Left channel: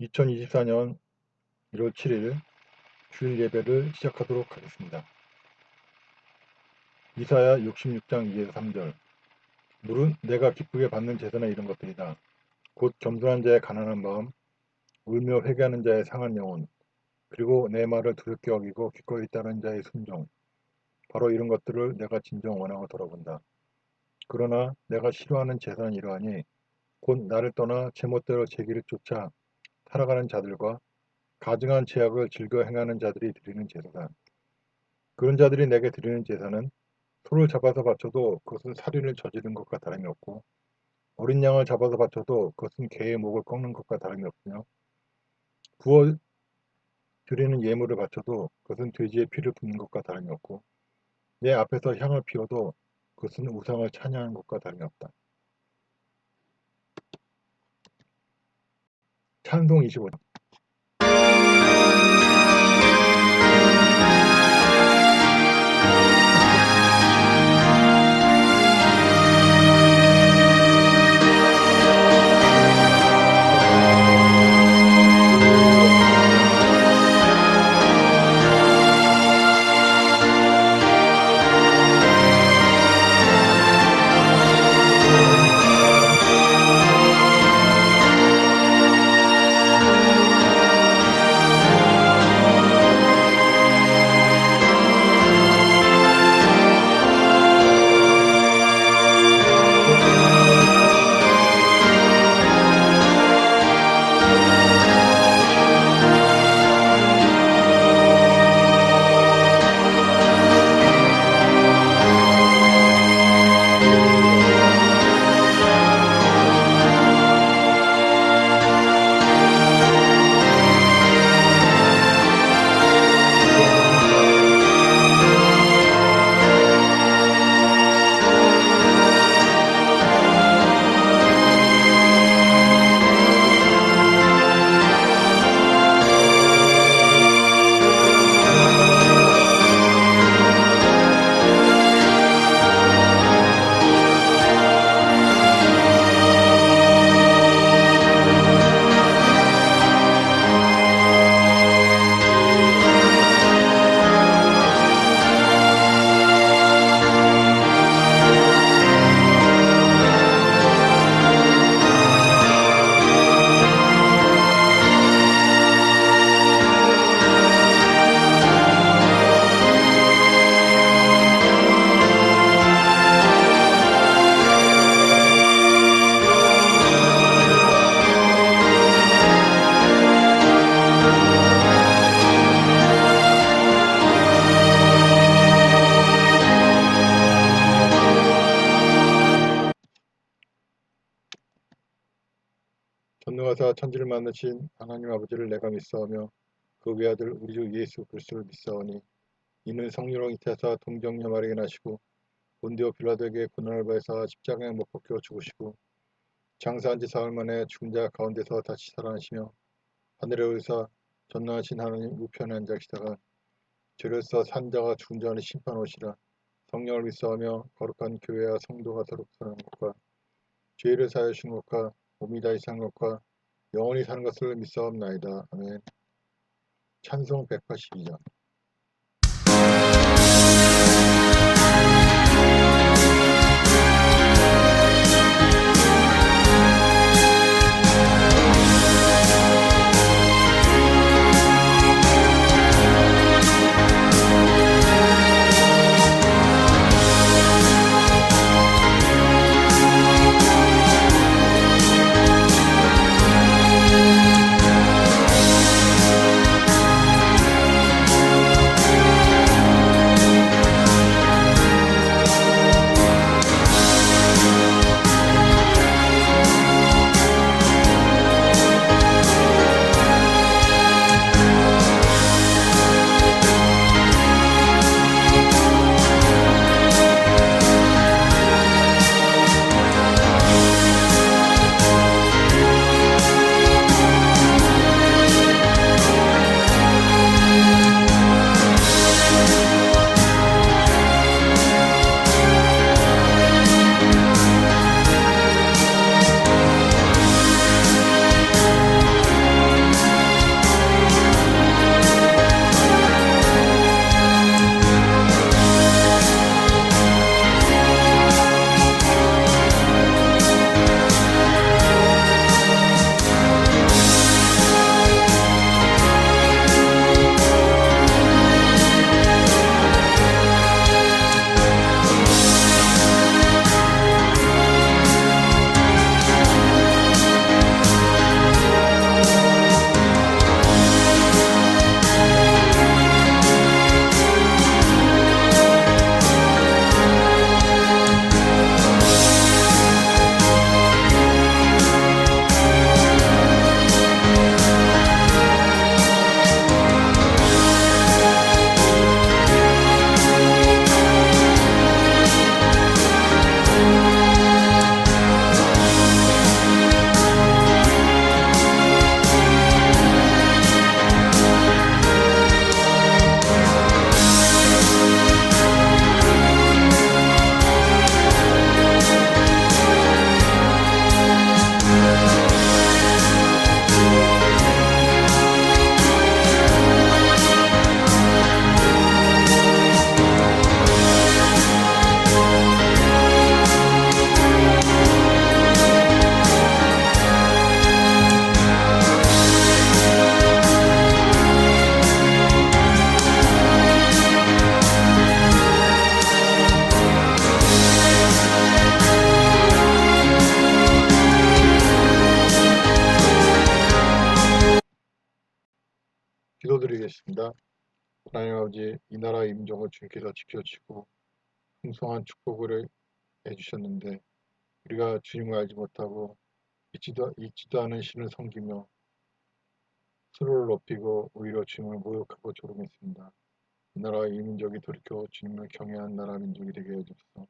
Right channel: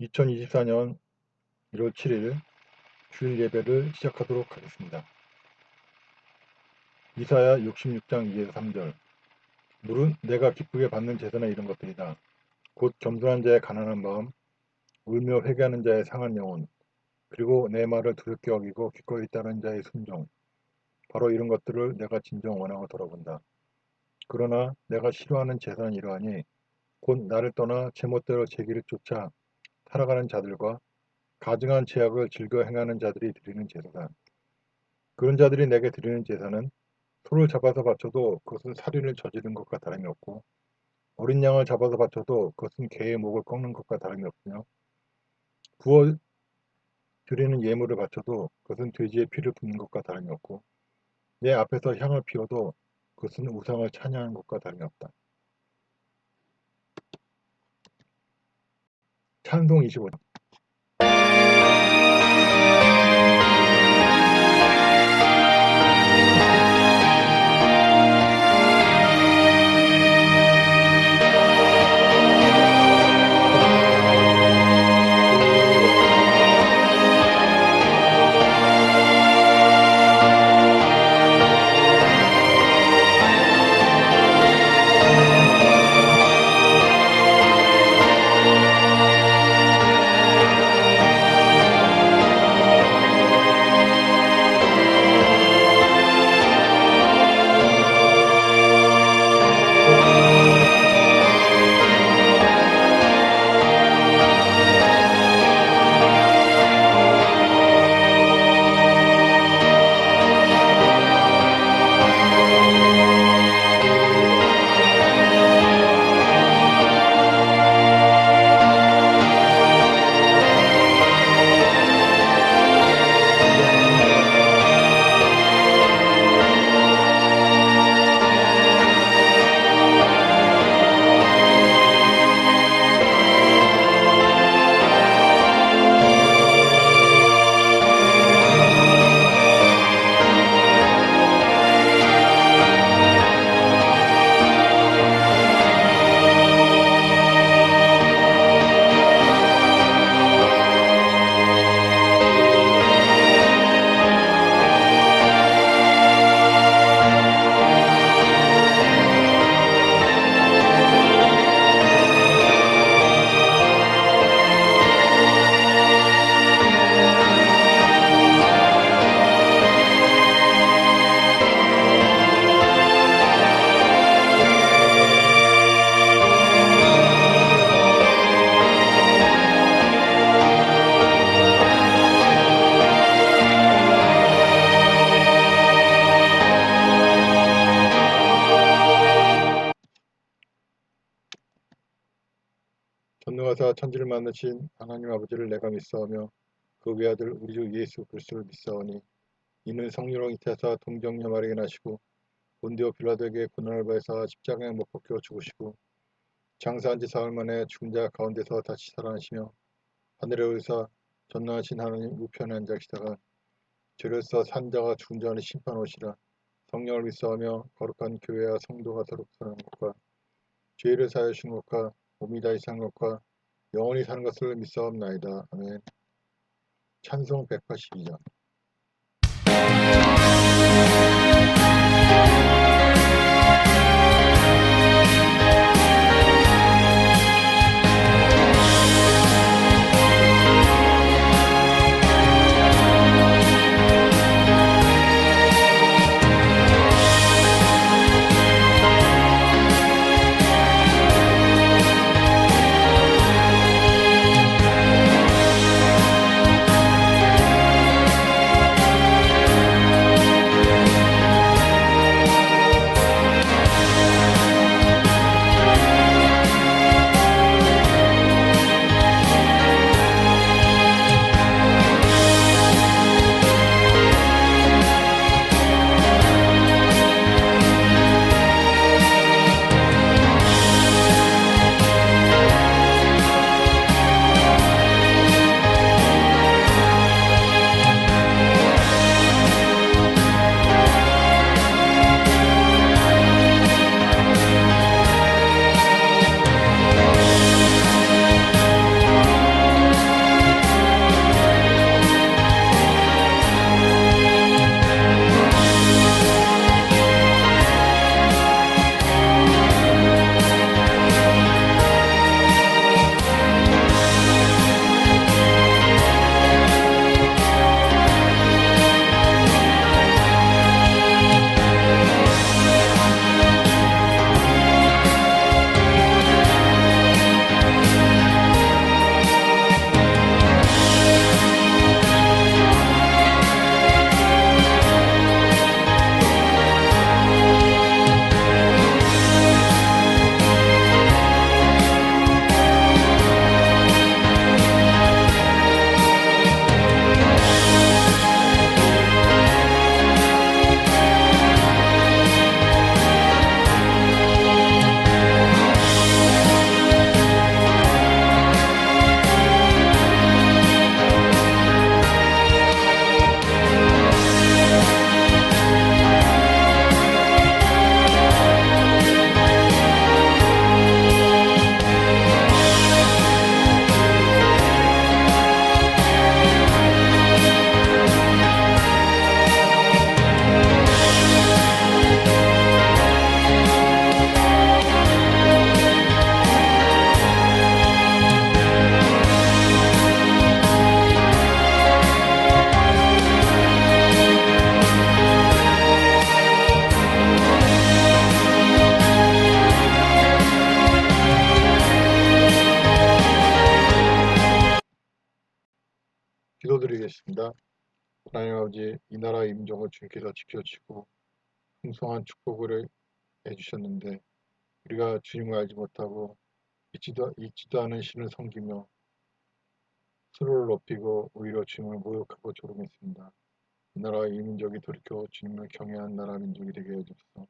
2024년 1월 7일 주일 예배를 시작하도록 하겠습니다. 이사야 66장 2에서 3절. 물은 내가 기쁘게 받는 제사나 이런 것들이다. 곧 겸손한 자의 가난한 마음, 울며 회개하는 자의 상한 영혼, 그리고 내 말을 두렵게 여기고 기꺼이 따르는 자의 순종. 바로 이런 것들을 내가 진정 원하고 돌아본다. 그러나 내가 싫어하는 제사는 이러하니 곧 나를 떠나 제멋대로 제 길을 쫓아 살아가는 자들과 가증한 죄악을 즐겨 행하는 자들이 드리는 제사다. 그런 자들이 내게 드리는 제사는 소를 잡아서 바쳐도 그것은 살인을 저지른 것과 다름이 없고 어린 양을 잡아서 바쳐도 그것은 개의 목을 꺾는 것과 다름이 없으며 부어 드리는 예물을 바쳐도 그것은 돼지의 피를 붓는 것과 다름이 없고 내 앞에서 향을 피워도 그것은 우상을 찬양하는 것과 다름이 없다. 찬송 25장. 전능하사 천지를 만드신 하나님 아버지를 내가 믿사오며 그 외아들 우리 주 예수 그리스도를 믿사오니 이는 성령으로 잉태하사 동정녀 마리아에게 나시고 본디오 빌라도에게 고난을 받으사 십자가에 못 박혀 죽으시고 장사한 지 사흘 만에 죽은 자 가운데서 다시 살아나시며 하늘에 오르사 전능하신 하나님 우편에 앉아 계시다가 죄로서 산 자가 죽은 자를 심판하시라. 성령을 믿사오며 거룩한 교회와 성도가 서로 사는 것과 죄를 사하여 주신 것과 몸이 다시 산 것과 영원히 사는 것을 믿사옵나이다. 아멘. 찬송 182장. 기도드리겠습니다. 하나님 아버지, 이 나라의 민족을 주님께서 지켜주시고 풍성한 축복을 해주셨는데 우리가 주님을 알지 못하고 잊지도 않은 신을 섬기며 스스로를 높이고 오히려 주님을 모욕하고 조롱했습니다. 이 나라의 이 민족이 돌이켜 주님을 경외하는 나라 민족이 되게 해주소서.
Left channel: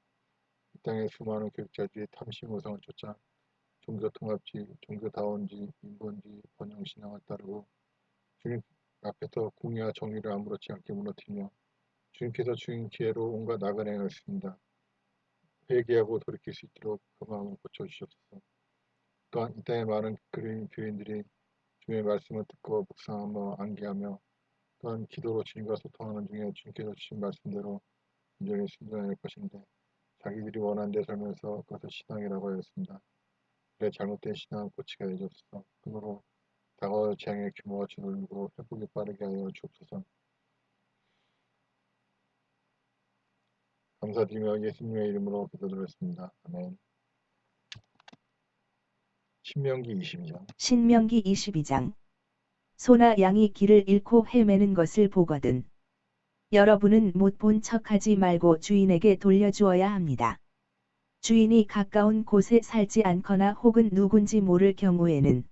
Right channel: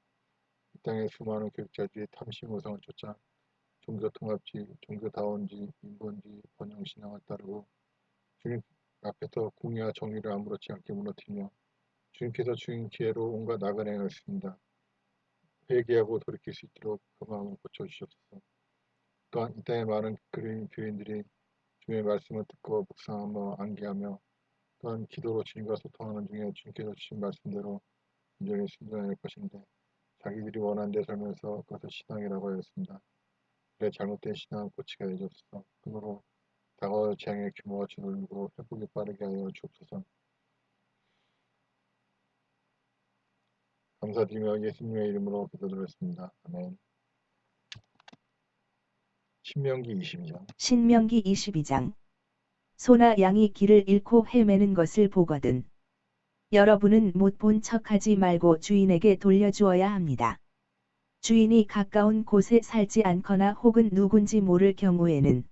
이 땅의 수많은 교육자들이 탐심우상을 쫓아 종교통합지, 종교다원지, 인본지, 번영신앙을 따르고 주님 앞에서 공의와 정의를 아무렇지 않게 무너뜨리며 주님께서 주인 기회로 온갖 악을 행하였습니다. 회개하고 돌이킬 수 있도록 그 마음을 고쳐주시옵소서. 또한 이 땅의 많은 교인들이 주님의 말씀을 듣고 묵상하며 암기하며 또한 기도로 주님과 소통하는 중에 주님께서 주신 말씀대로 온전히 순종할 것인데 자기들이 원하는 데 살면서 그것을 신앙이라고 하였습니다. 그래 잘못된 신앙은 고치게 해주옵소서. 그러므로 다가올 재앙의 규모가 줄어들고 회복이 빠르게 하여 주옵소서. 감사드리며 예수님의 이름으로 기도드렸습니다. 아멘. 신명기 22장. 신명기 22장. 소나 양이 길을 잃고 헤매는 것을 보거든 여러분은 못 본 척하지 말고 주인에게 돌려주어야 합니다. 주인이 가까운 곳에 살지 않거나 혹은 누군지 모를 경우에는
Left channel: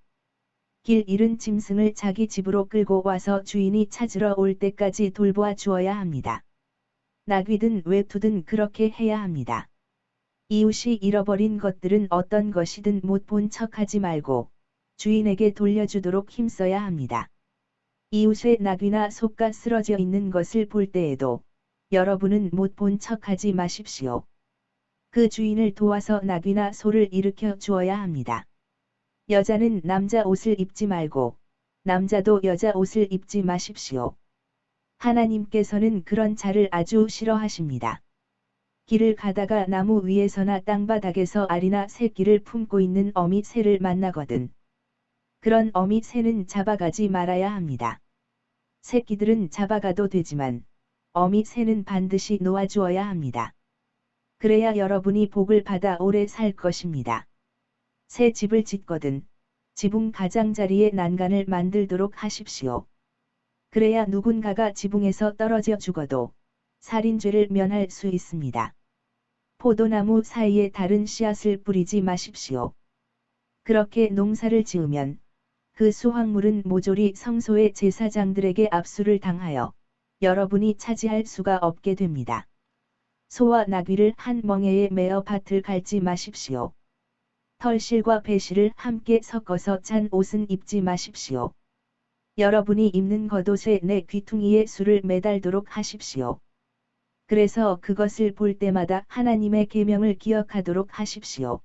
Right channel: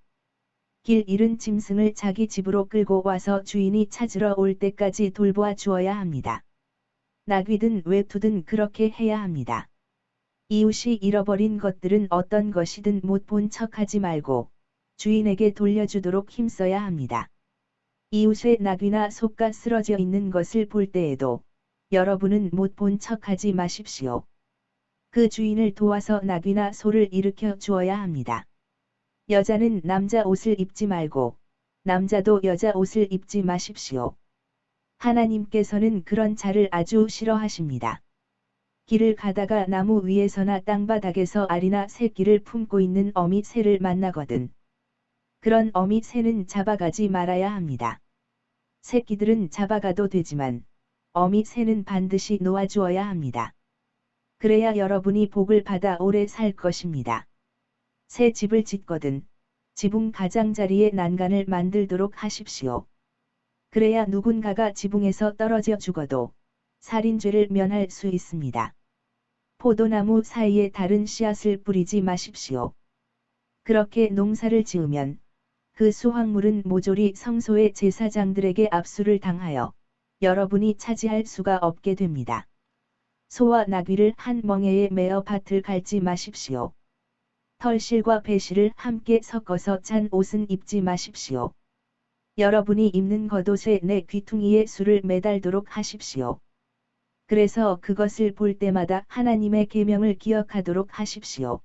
길 잃은 짐승을 자기 집으로 끌고 와서 주인이 찾으러 올 때까지 돌보아 주어야 합니다. 나귀든 외투든 그렇게 해야 합니다. 이웃이 잃어버린 것들은 어떤 것이든 못 본 척하지 말고 주인에게 돌려주도록 힘써야 합니다. 이웃의 나귀나 소가 쓰러져 있는 것을 볼 때에도 여러분은 못 본 척하지 마십시오. 그 주인을 도와서 나귀나 소를 일으켜 주어야 합니다. 여자는 남자 옷을 입지 말고 남자도 여자 옷을 입지 마십시오. 하나님께서는 그런 자를 아주 싫어하십니다. 길을 가다가 나무 위에서나 땅바닥에서 알이나 새끼를 품고 있는 어미 새를 만나거든 그런 어미 새는 잡아가지 말아야 합니다. 새끼들은 잡아가도 되지만 어미 새는 반드시 놓아주어야 합니다. 그래야 여러분이 복을 받아 오래 살 것입니다. 새 집을 짓거든 지붕 가장자리에 난간을 만들도록 하십시오. 그래야 누군가가 지붕에서 떨어져 죽어도 살인죄를 면할 수 있습니다. 포도나무 사이에 다른 씨앗을 뿌리지 마십시오. 그렇게 농사를 지으면 그 수확물은 모조리 성소의 제사장들에게 압수를 당하여 여러분이 차지할 수가 없게 됩니다. 소와 나귀를 한 멍에에 매어 밭을 갈지 마십시오. 털실과 배실을 함께 섞어서 찬 옷은 입지 마십시오. 여러분이 입는 겉옷에 내 귀퉁이에 술을 매달도록 하십시오. 그래서 그것을 볼 때마다 하나님의 계명을 기억하도록 하십시오.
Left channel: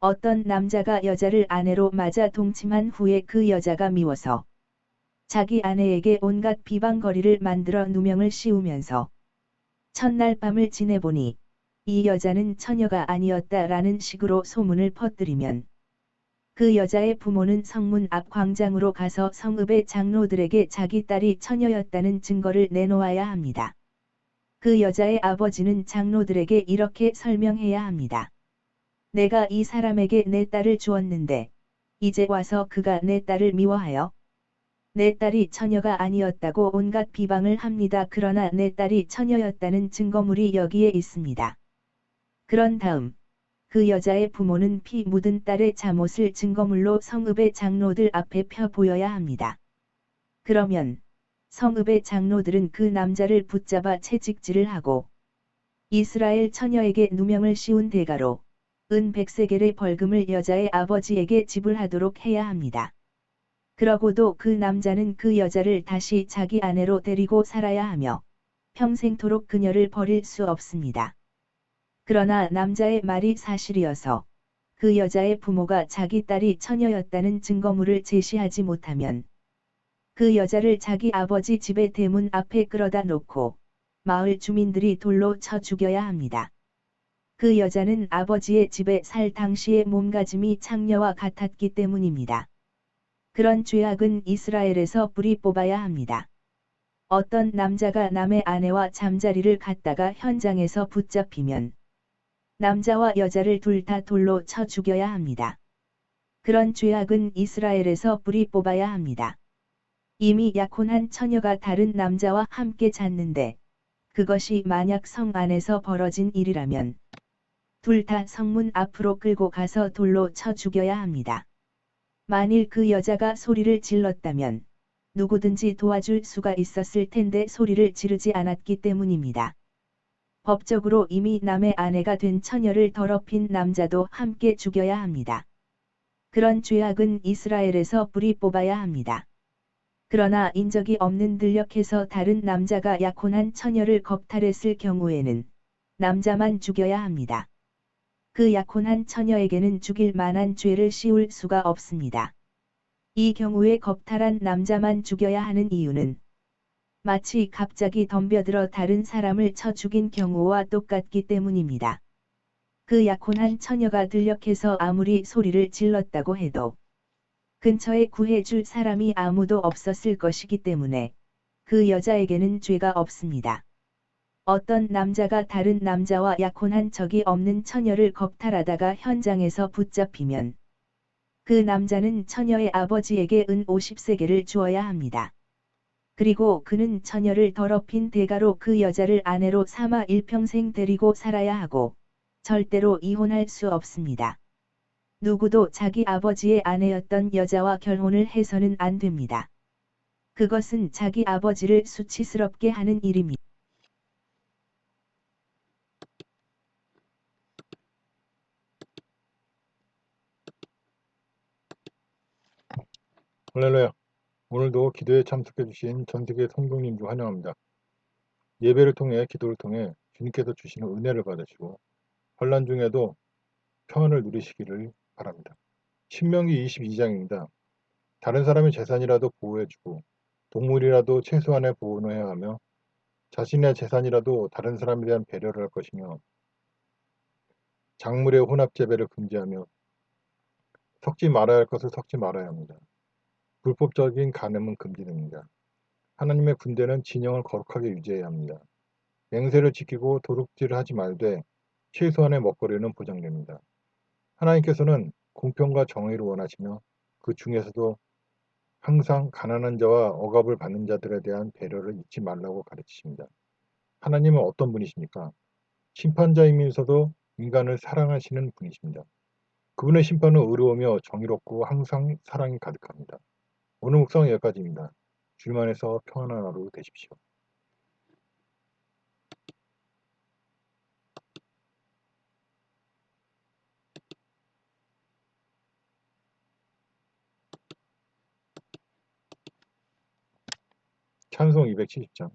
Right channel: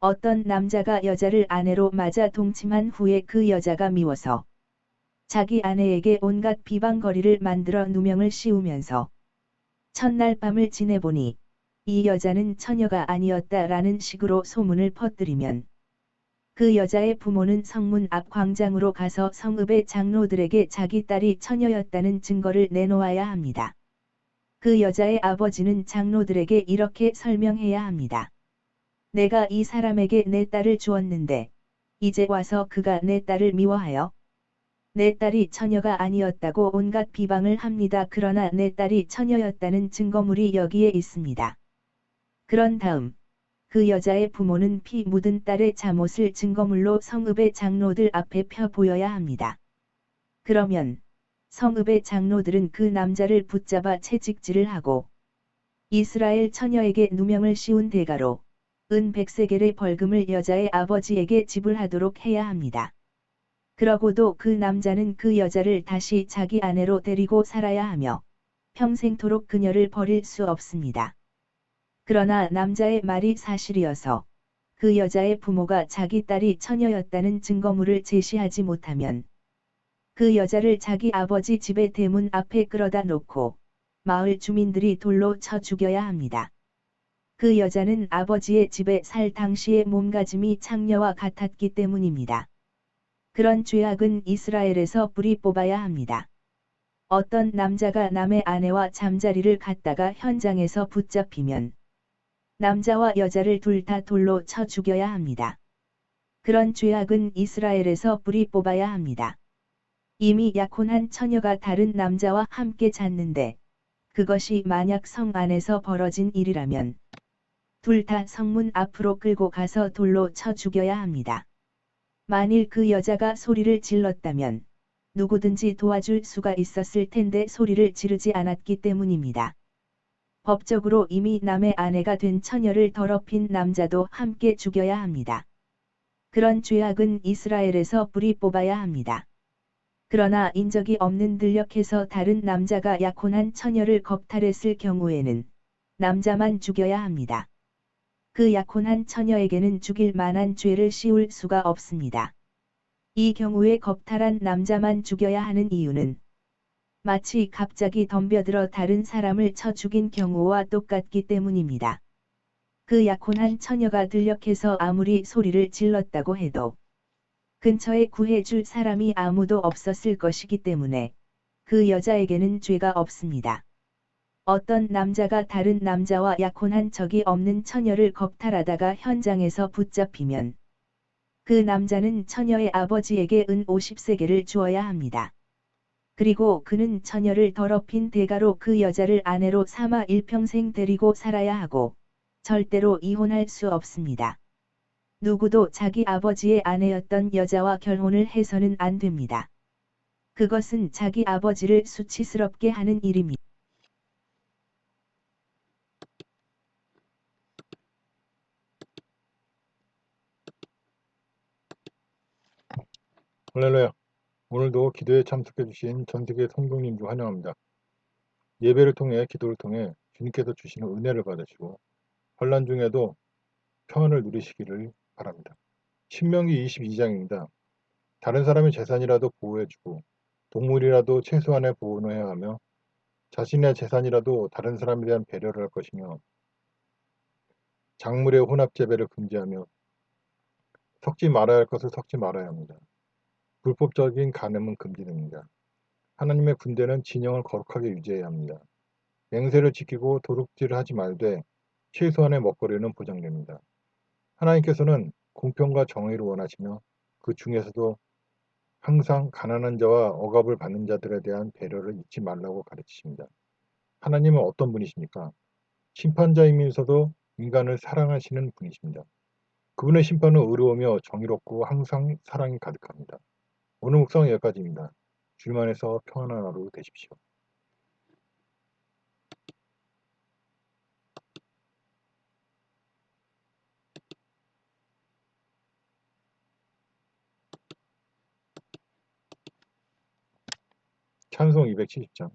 어떤 남자가 여자를 아내로 맞아 동침한 후에 그 여자가 미워서 자기 아내에게 온갖 비방거리를 만들어 누명을 씌우면서 첫날 밤을 지내보니 이 여자는 처녀가 아니었다라는 식으로 소문을 퍼뜨리면 그 여자의 부모는 성문 앞 광장으로 가서 성읍의 장로들에게 자기 딸이 처녀였다는 증거를 내놓아야 합니다. 그 여자의 아버지는 장로들에게 이렇게 설명해야 합니다. 내가 이 사람에게 내 딸을 주었는데 이제 와서 그가 내 딸을 미워하여 내 딸이 처녀가 아니었다고 온갖 비방을 합니다. 그러나 내 딸이 처녀였다는 증거물이 여기에 있습니다. 그런 다음 그 여자의 부모는 피 묻은 딸의 잠옷을 증거물로 성읍의 장로들 앞에 펴 보여야 합니다. 그러면 성읍의 장로들은 그 남자를 붙잡아 채찍질을 하고 이스라엘 처녀에게 누명을 씌운 대가로 은 100세겔의 벌금을 여자의 아버지에게 지불하도록 해야 합니다. 그러고도 그 남자는 그 여자를 다시 자기 아내로 데리고 살아야 하며 평생토록 그녀를 버릴 수 없습니다. 그러나 남자의 말이 사실이어서 그 여자의 부모가 자기 딸이 처녀였다는 증거물을 제시하지 못하면 그 여자를 자기 아버지 집의 대문 앞에 끌어다 놓고 마을 주민들이 돌로 쳐 죽여야 합니다. 그 여자는 아버지의 집에 살 당시의 몸가짐이 창녀와 같았기 때문입니다. 그런 죄악은 이스라엘에서 뿌리 뽑아야 합니다. 어떤 남자가 남의 아내와 잠자리를 갖다가 현장에서 붙잡히면 남자와 여자를 둘 다 돌로 쳐 죽여야 합니다. 그런 죄악은 이스라엘에서 뿌리 뽑아야 합니다. 이미 약혼한 처녀가 다른 남자와 함께 잤는데 그것이 만약 성 안에서 벌어진 일이라면 둘 다 성문 앞으로 끌고 가서 돌로 쳐 죽여야 합니다. 만일 그 여자가 소리를 질렀다면 누구든지 도와줄 수가 있었을 텐데 소리를 지르지 않았기 때문입니다. 법적으로 이미 남의 아내가 된 처녀를 더럽힌 남자도 함께 죽여야 합니다. 그런 죄악은 이스라엘에서 뿌리 뽑아야 합니다. 그러나 인적이 없는 들녘에서 다른 남자가 약혼한 처녀를 겁탈했을 경우에는 남자만 죽여야 합니다. 그 약혼한 처녀에게는 죽일 만한 죄를 씌울 수가 없습니다. 이 경우에 겁탈한 남자만 죽여야 하는 이유는 마치 갑자기 덤벼들어 다른 사람을 쳐 죽인 경우와 똑같기 때문입니다. 그 약혼한 처녀가 들녘에서 아무리 소리를 질렀다고 해도 근처에 구해줄 사람이 아무도 없었을 것이기 때문에 그 여자에게는 죄가 없습니다. 어떤 남자가 다른 남자와 약혼한 적이 없는 처녀를 겁탈하다가 현장에서 붙잡히면 그 남자는 처녀의 아버지에게 은 50세겔을 주어야 합니다. 그리고 그는 처녀를 더럽힌 대가로 그 여자를 아내로 삼아 일평생 데리고 살아야 하고 절대로 이혼할 수 없습니다. 누구도 자기 아버지의 아내였던 여자와 결혼을 해서는 안 됩니다. 그것은 자기 아버지를 수치스럽게 하는 일입니다. 할렐루야. 오늘도 기도에 참석해 주신 전 세계 성도님 중 환영합니다. 예배를 통해 기도를 통해 주님께서 주시는 은혜를 받으시고 환난 중에도 평안을 누리시기를 바랍니다. 신명기 22장입니다. 다른 사람의 재산이라도 보호해주고 동물이라도 최소한의 보호는 해야 하며 자신의 재산이라도 다른 사람에 대한 배려를 할 것이며 작물의 혼합재배를 금지하며 섞지 말아야 할 것을 섞지 말아야 합니다. 불법적인 간음은 금지됩니다. 하나님의 군대는 진영을 거룩하게 유지해야 합니다. 맹세를 지키고 도둑질을 하지 말되 최소한의 먹거리는 보장됩니다. 하나님께서는 공평과 정의를 원하시며 그 중에서도 항상 가난한 자와 억압을 받는 자들에 대한 배려를 잊지 말라고 가르치십니다. 하나님은 어떤 분이십니까? 심판자이면서도 인간을 사랑하시는 분이십니다. 그분의 심판은 의로우며 정의롭고 항상 사랑이 가득합니다. 오늘 묵상은 여기까지입니다. 주님 안에서 평안한 하루 되십시오. 찬송 270장.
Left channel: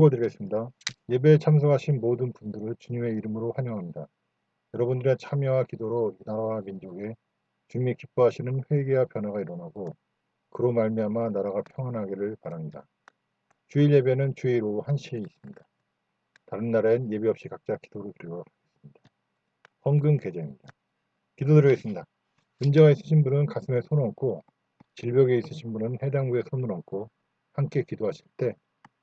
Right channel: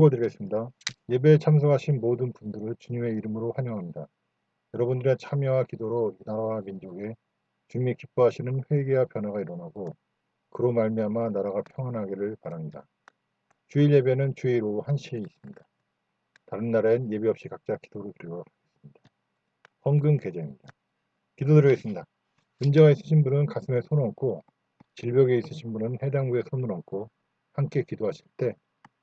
경고드리겠습니다. 예배에 참석하신 모든 분들을 주님의 이름으로 환영합니다. 여러분들의 참여와 기도로 이 나라와 민족에 주님이 기뻐하시는 회개와 변화가 일어나고 그로 말미암아 나라가 평안하기를 바랍니다. 주일 예배는 주일 오후 1시에 있습니다. 다른 날엔 예배 없이 각자 기도를 드리도록 하겠습니다. 헌금 계좌입니다. 기도드리겠습니다. 문제가 있으신 분은 가슴에 손을 얹고 질병에 있으신 분은 해당 부에 손을 얹고 함께 기도하실 때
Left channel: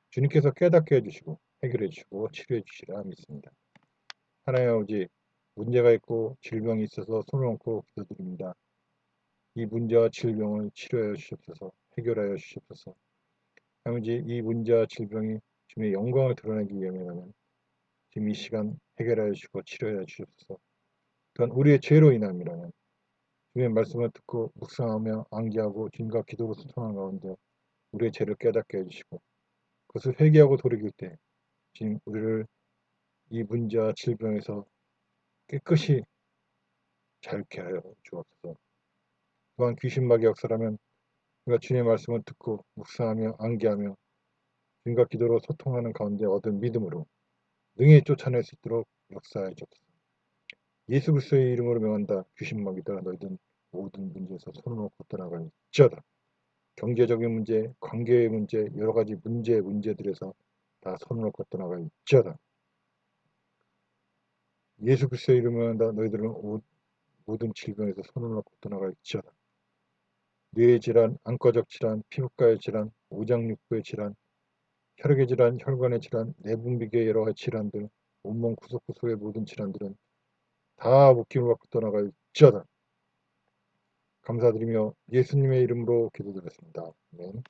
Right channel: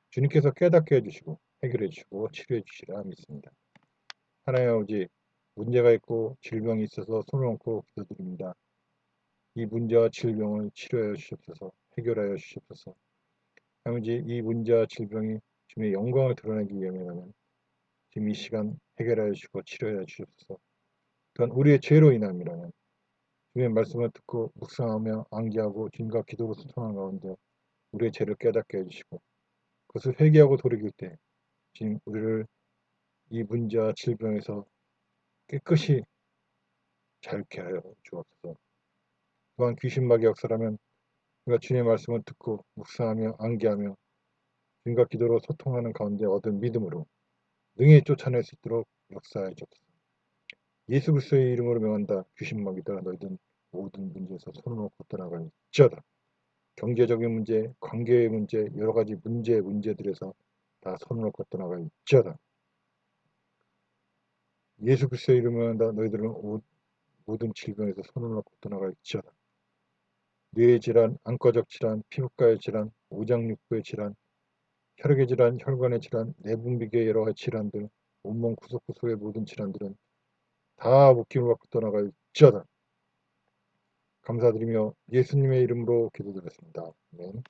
주님께서 깨닫게 해주시고 해결해 주시고 치료해 주시리라 믿습니다. 하나님 아버지, 문제가 있고 질병이 있어서 손을 얹고 기도드립니다. 이 문제와 질병을 치료하여 주시옵소서, 해결하여 주시옵소서. 아버지, 이 문제와 질병이 주님의 영광을 드러내기 위함이라면 지금 이 시간 해결하여 주시고 치료하여 주시옵소서. 또한 우리의 죄로 인함이라면 주님의 말씀을 듣고 묵상하며 암기하고 주님과 기도로 소통하는 가운데 우리의 죄를 깨닫게 해주시고 그것을 회개하고 돌이킬 때 주님 우리를 이 문제와 질병에서 깨끗이 자유케 하여 주옵소서. 또한 귀신마귀 역사라면 우리가 주님의 말씀을 듣고 묵상하며 암기하며 주님과 기도로 소통하는 가운데 얻은 믿음으로 능히 쫓아낼 수 있도록 역사해 주옵소서. 예수 그리스도의 이름으로 명한다. 귀신마귀들아 너희들 모든 문제에서 손을 놓고 떠나갈지어다. 경제적인 문제, 관계의 문제, 여러 가지 문제들에서 다 손을 놓고 떠나갈지어다. 예수 그리스도의 이름으로 명한다. 너희들은 모든 질병에서 손을 놓고 떠나갈지어다. 뇌의 질환, 안과적 질환, 피부과의 질환, 오장육부의 질환, 혈액의 질환, 혈관의 질환, 내분비계의 여러 가지 질환들, 온몸 구석구석의 모든 질환들은 다 묶임을 받고 떠나갈지어다. 감사드리며 예수님의 이름으로 기도드렸습니다. 아멘.